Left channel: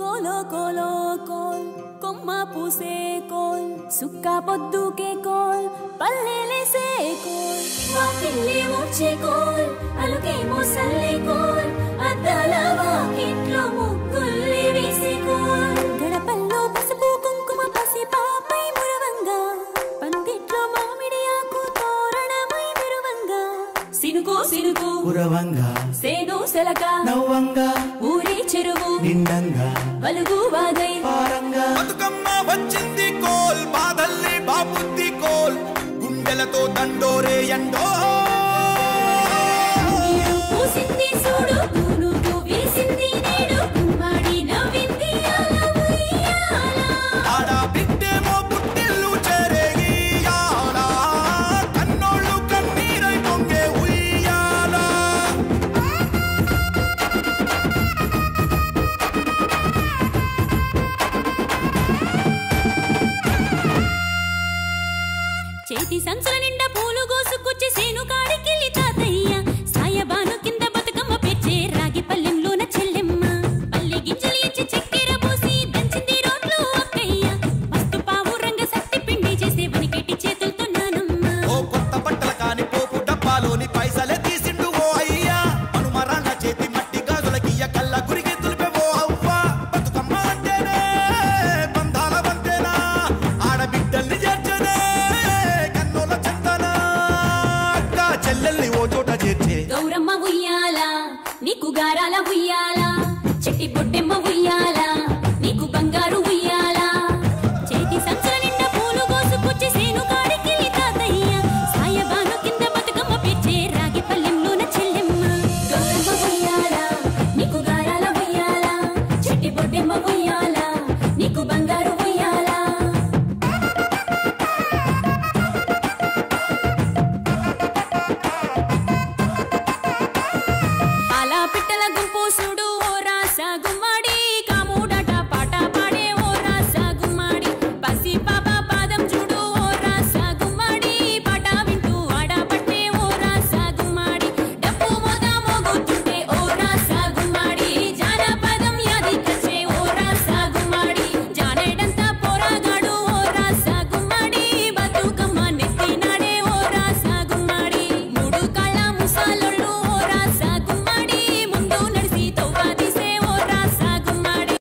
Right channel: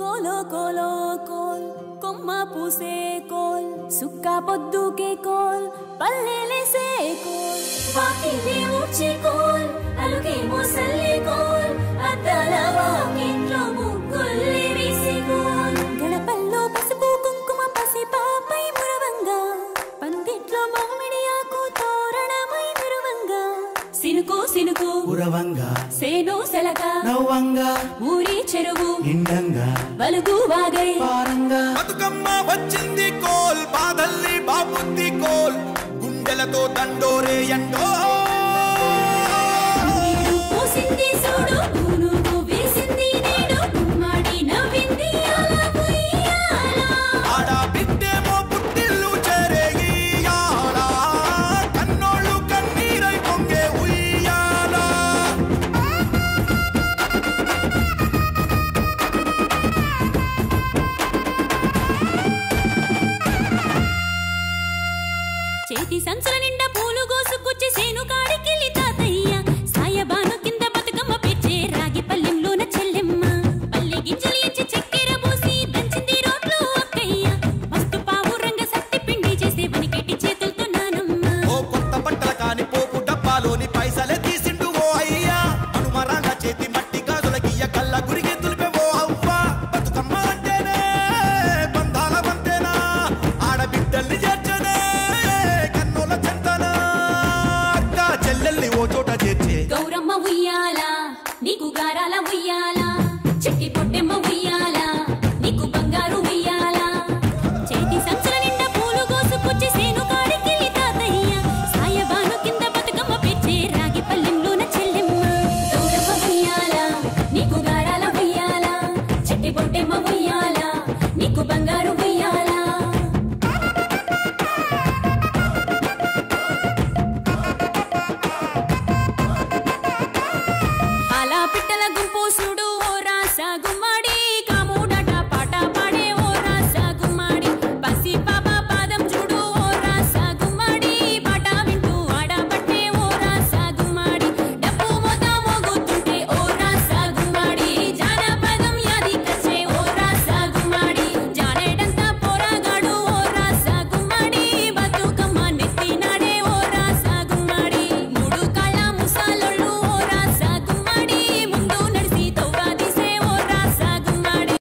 కోలో కోలో coal కొమ్మ పూసే coal సుక్క పొద్దుకే coal పల్లెలేసే coal వాకిల్లే ఊడ్చే coal అలుకేమో Salle coal అద్దాల వాకిట్లో ముగ్గుల్లే వేసే కోల్ గడపల్లో పసుపు కుంకుమ పసి పాపై మురవంగా పందిట్లో మామిడి ఆకు తోరణమై మెరువంగా సినుకు సినుకు కురవంగా సేను సెలక నవ్వంగా ఊరి చెరువు నిండంగా బలుగు వాగై పారంగా బతుకమ్మ వచ్చింది కోల్ బాధల్ని బాబుద్ది కోల్ గుండెలతో దండోరే ఎండో పూసింది చూడు పూనుకు వేసింది నేడు కుమ్మడి నవ్వింది అలా ఉయ్యాల ఆడ బిడ్డేమో పుట్టిల్లు చెరేగియాల కన్నోళ్ళు కన్నీరై పొంగే ఉయ్యాల చేతి సంచుల నిండా పూలు గోసుకొచ్చి సేను కాడికెళ్ళి తాతయ్య సాయబాను కింద బతుకమ్మ పెచ్చే రాగి పల్లెంలోన చెల్లెమ్మ పల్లె గింజలు ఎంచి చక్కెర పోసి దంచింది రోడ్లు అక్కయ్య మస్తు పావు రంగ సత్తి పిండి చేసే వనికెట్టి చేతులతో నానమ్మ ఓ కొత్త బట్టల కాని పోపు డబ్బాలోని పైసలే తీసిండు ఓ అయ్యా మనుమరాళ్ళ చేతి మట్టి గాజులకియ్య కళ్ళ గురిగి తులిపే ఓ అవ్వ బతుకమ్మ అంటేనే బంధాల వంతేనా ఆడబిడ్డల్ని చేర్చనే కన్నోల చెంతనా అక్క చెల్లెల్ని ఓ చోట చేర్చే గౌరమ్మ ఉయ్యాల నీకు గారాల ఉయ్యాల చెట్టి పొట్టెమ్మ ఉయ్యాల నీకు బంగారు ఉయ్యాల చేతి సంచుల నిండా పూలు గోసుకొచ్చి సేను కాడికెళ్ళి తాతయ్య సాయబాను కింద బతుకమ్మ పెచ్చే రాగి పల్లెంలోన చెల్లెమ్మ గౌరమ్మ ఉయ్యాల నీకు గారాల ఉయ్యాల చెట్టి పొట్టెమ్మ ఉయ్యాల నీకు బంగారు ఉయ్యాల పాల పిట్టల గుంపు చూడు ఓ రాస గుమ్మడి